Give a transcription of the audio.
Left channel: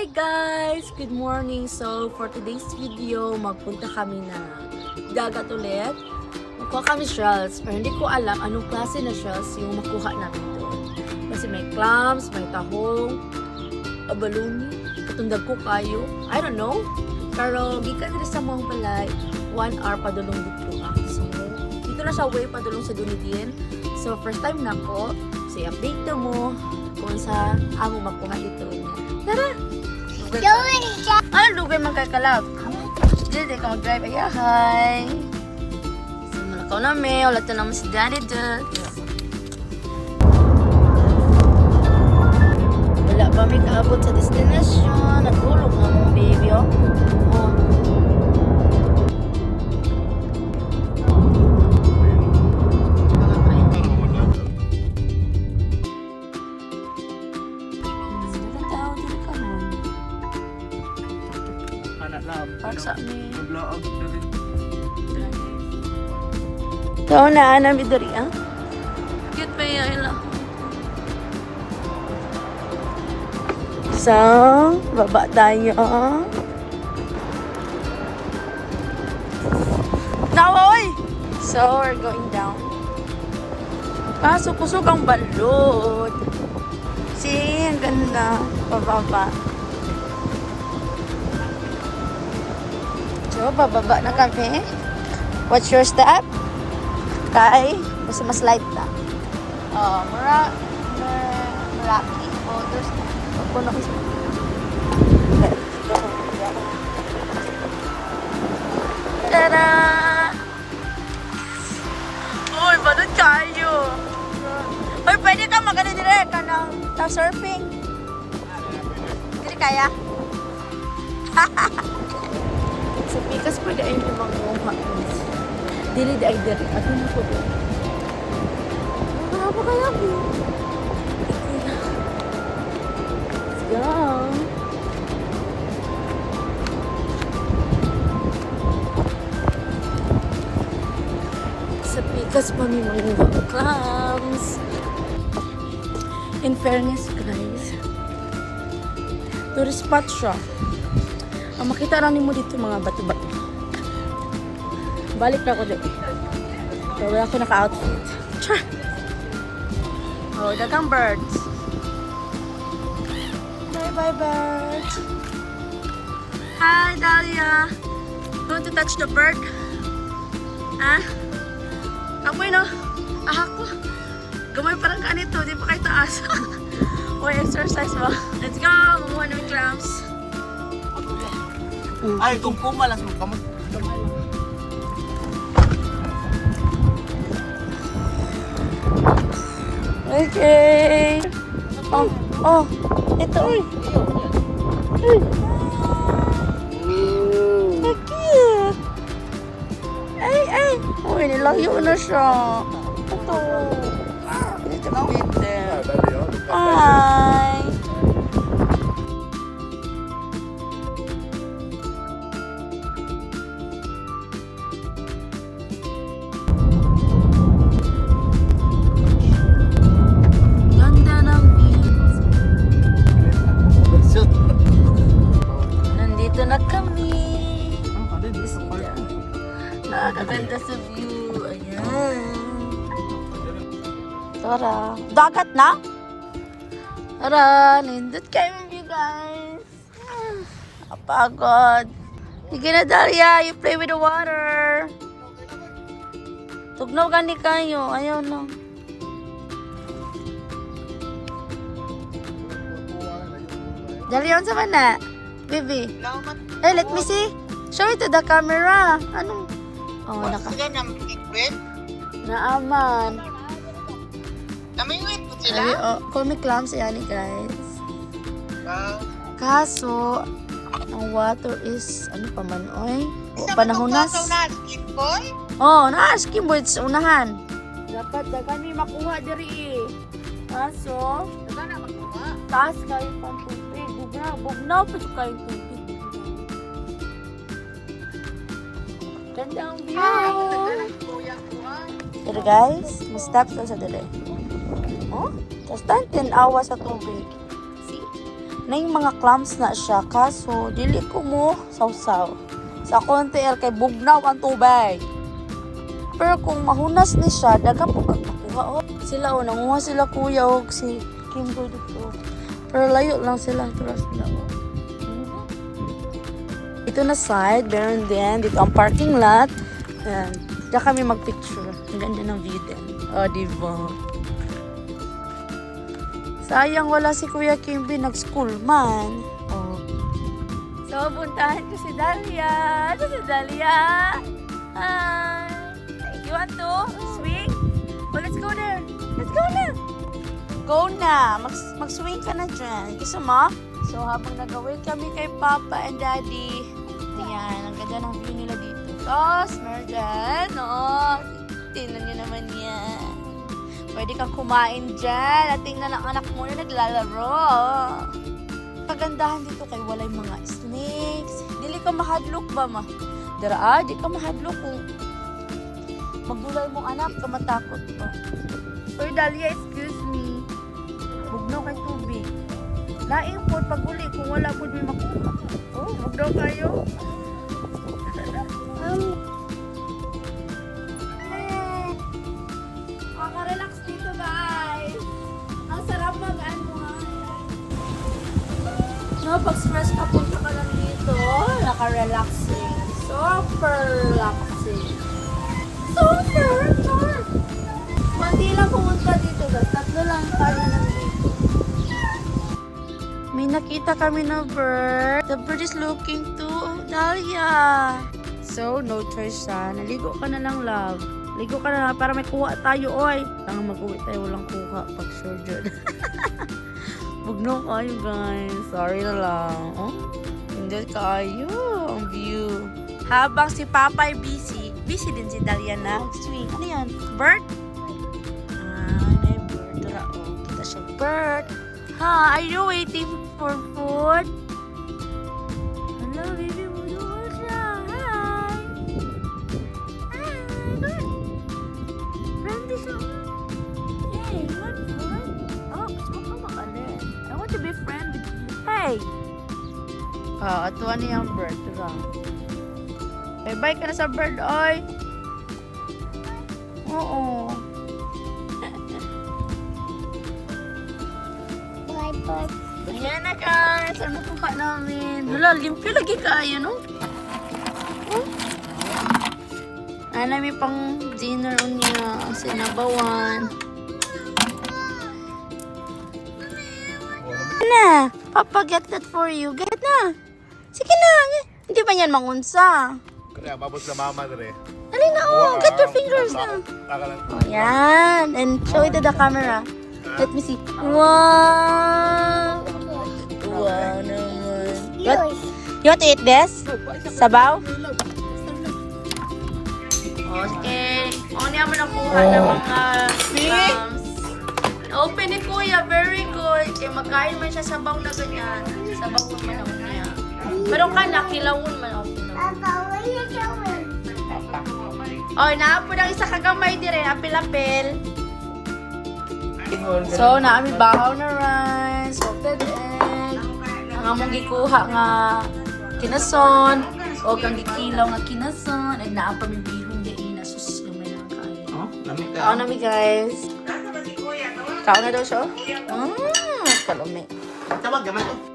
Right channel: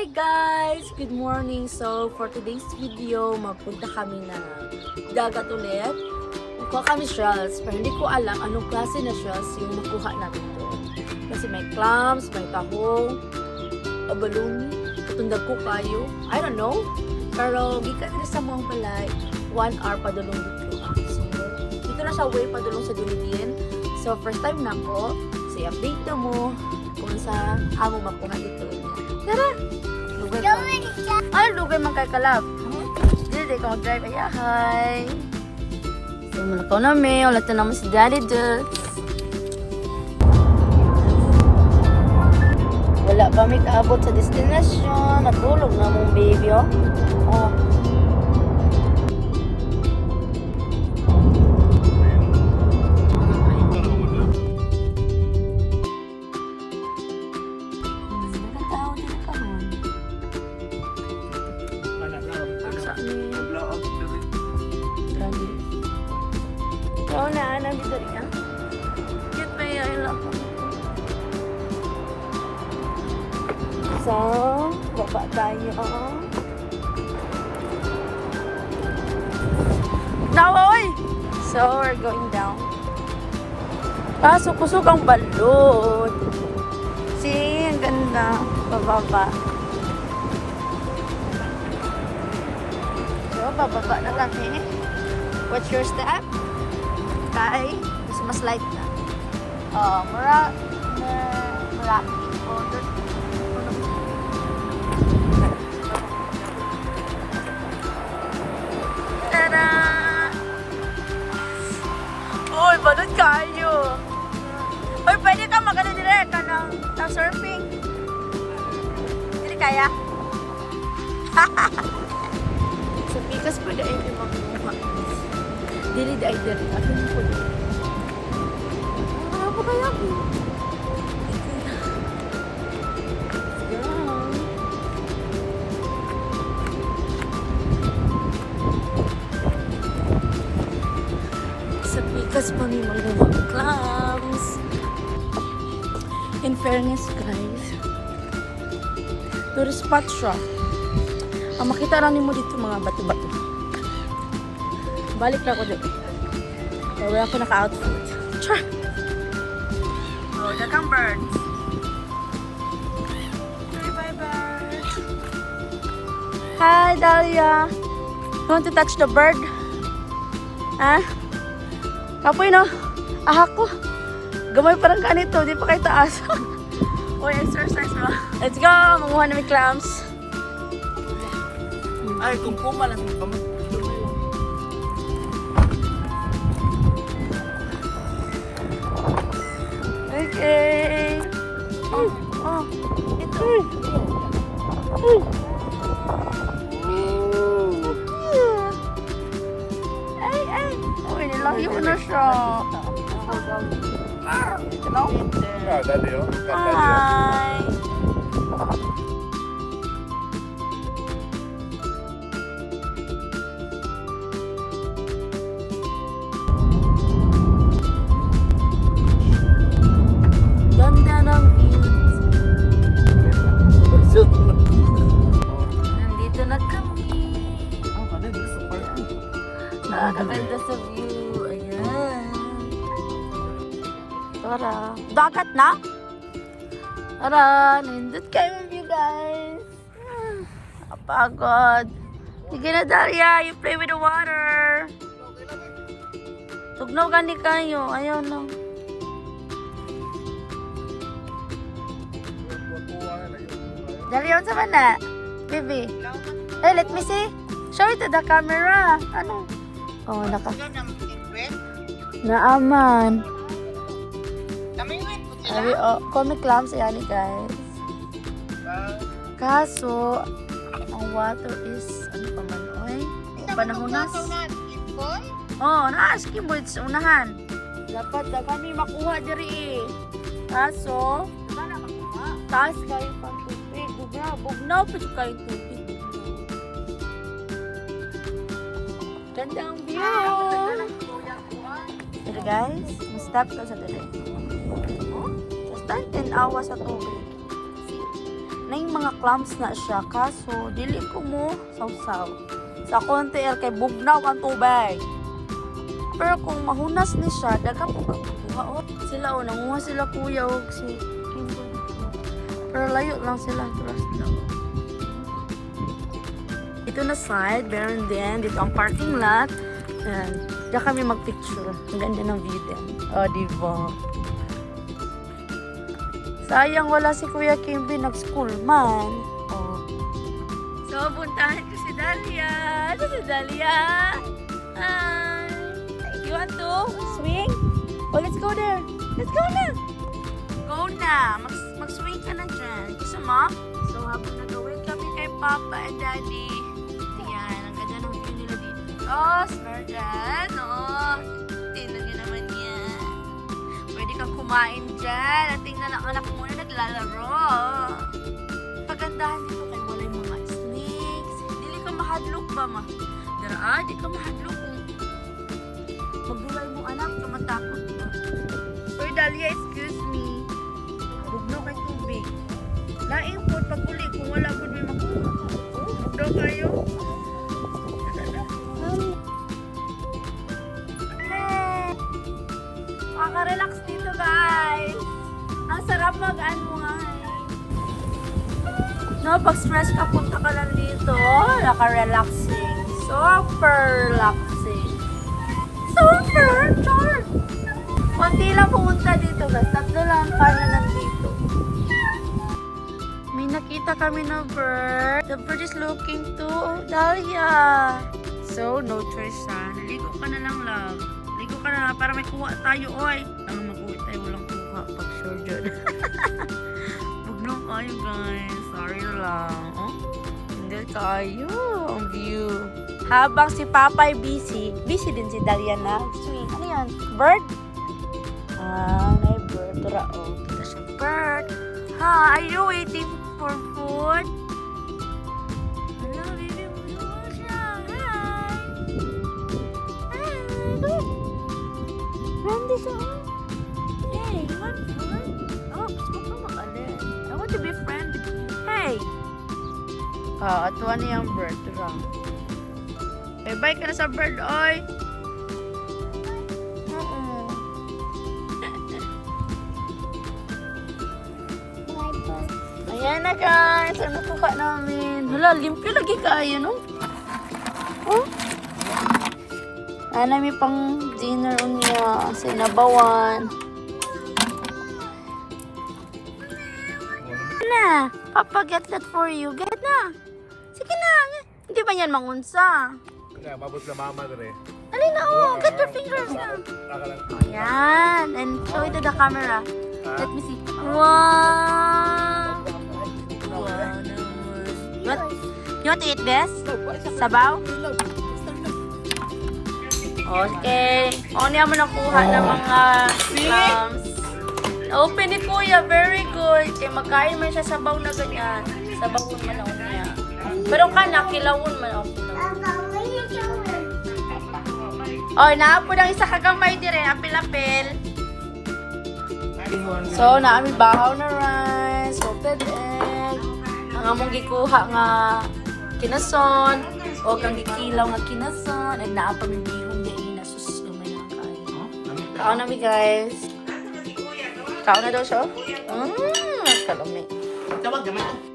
Hi guys! Good morning! So, for today's video, magpunta kami ng dagat ulit. Magkuha kami shells, pero hindi ko alam anong klase na shells yung makuha namin doon. Kasi may clams, may tahong, abalone, katundag ko kayo. I don't know. Pero, gikan rin sa mga balay, 1 hour padulong dito ako. So, dito na siya way padulong sa Dunedin. So, first time na ko. So, i-update mo kung sa amo makuha dito niya. Tara! Lugar ka. Ano lugar man kay Kalab? Dili ka mag-drive. Ay, hi! So, ito namin. Ulit naman si Daddy Dutch. Wala pa may kaabot sa destination. Natulog na mong baby, oh. Oh. Ikaw na, namin dali, ah? Cute pa yung ilo. So, baba tayo. Nawoy! So, we're going down. Kusog ang balot. See, ang ganda. Bababa. So, bababa na kami. What's your step? Kay, kasi mas light na. Maraki. Oh, there's puno isa. Tada! Uy, balot kayo. Uy, pwede ka magano direct ka ng surfing. Hindi kaya? Sa pikas pa dahil yung mga mukha. Dili ay dili. Ato na po doon. Wala pa kaya po. Yan. Sa pikas pa may mga clams. In fairness guys, tourist spot siya. Ang makita rin mo dito mga bato-bato. Balik na ako doon. Pero wala ako naka-outfit. Char! Oh, dagang birds. Bye, birds. Hi, Dahlia. You want to touch the bird? Ha? Apoy no? Ahak ko. Gamay parang kanito. Di pa kayo taas. Uy, exercise ba? Let's go! Manguha namin clams. Ay, kung malas mo kamo. Okay. Oh. Ito. Uy. Cute. Ay. Uy, nilayo na siya. Ito. Ito na Hi. Nandito na kami. Nakakaganda sa view. Ayan. Tara. Dagat na? Tara. Nindot kayo view guys. Napagod. Sige na Daria. You play with the water. Tugnaw gani kayo. Ayaw na. Dalia, unsa man na? Baby. Hey, let me see. Show it to the camera. Ano? Oh, naka. Naaman. Ay, oh, comic clams yan guys. Kaso, ang water is, ano pa man, oy? Panahonas. Oh, na-asking boy sa unahan. Dapat na kami makuha diri eh. Kaso, taas kayo pang tubig. Bugnaw pa siya kayong tubig. Ganda ang view. Pero guys, mas stop sa dali. Oh, just 10 awa sa tubig. na yung mga clams na siya. Kaso, dili ko mo sausaw. Sa konti kay bugnaw ang tubig. Pero kung mahunas ni siya, daga po kagpakuha. Oh. Sila, nanguha sila kuya o si Kimbo dito. Pero layo lang sila. Trust na. Ito na side, meron din. Dito ang parking lot. And, diyan kami magpicture. Ang ganda ng view din. Oh, diba? Sayang wala si Kuya Kimby, nag-school man. Oh. So, puntahan ko si Dalia. Ito si Dalia. Hi. You want to swing? Oh, let's go there. Let's go na. Go na. Mag-swing ka na dyan. Gusto mo? So, habang nag-away kami kay Papa and Daddy, yan, ang ganda ng view nila dito. Tapos, meron dyan. Oh, tingnan nyo naman yan. Pwede kang kumain dyan. At tingnan ang anak mo na naglalaro. Pagandahan dito kay walay mga snakes. Dili ka mahadlok ba, ma? Dara, di ka mahadlok kung magbulay mong anak ka matakot ba. Uy, Dalia, excuse me. Bugnaw kay tubig. Laing po pag uli kung wala po may makuha. Oh, bugnaw kayo. Maka-relax dito, guys. Ang sarap mag-ano nga. No, pag stress ka, punta ka lang dito. Oh, naka-relaxing. Super relaxing. Super! Kunti lang pumunta dito, guys. Tatlo lang ang kaya nandito. May nakita kami na bird. The bird is looking to Dalia. So, no choice siya. Naligo ka na lang, love. Ligo ka na lang para may kuha tayo, oy. Lang mag-uwi tayo, walang kuha. Pag sure dyan. Bugno kayo, guys. Sorry na lang. Oh, hindi kayo. Ang view. Habang si Papa ay busy din si Dalia na swing. Ano yan? Bird? Ah, may bird. Tara, oh. Kita siya. Bird. Hi, are you waiting for food? Hello, baby. Bulo siya. Hi. Hi. Good. Randy siya. Hey, you want food? Oh, gusto mo pa makalin. I want to be friend with you. Hey. Atuan niya ang bird. Tara. Bye-bye ka na sa bird, oy. Oo. Bye-bye. Ayan na, guys. Ano po ka namin? Hala, limpyo lagi kayo, no? Oh. Ano, may pang dinner niya. Sinabawan. Na, Papa, get that for you. Get na. Sige na. Hindi ba yan mangunsa? Kaya mabot na mama dre. Alin na, oh. Get your fingers na. Taka lang. Oh, yan. And show it to the camera. Let me see. Wow. Wow naman. You want to eat this? Sabaw? Okay. O, niya mo nakuha ng mga clams. Open ni Kuya. Very good. Kaya magkain man siya sabaw na ganyan. Sabawon man ako niya. Pero kana, kilawon man ako. Oy, naapo ng isa kagamay dire, apil-apil. So, naami bahaw na rice, salted egg, ang among gikuha nga kinason, o kang gikilaw nga kinason, and naapa mi bihon di ina sus gamay na kain. Kaon na mi, guys. Kaon na daw siya. Kalumi. Tawag gaman to.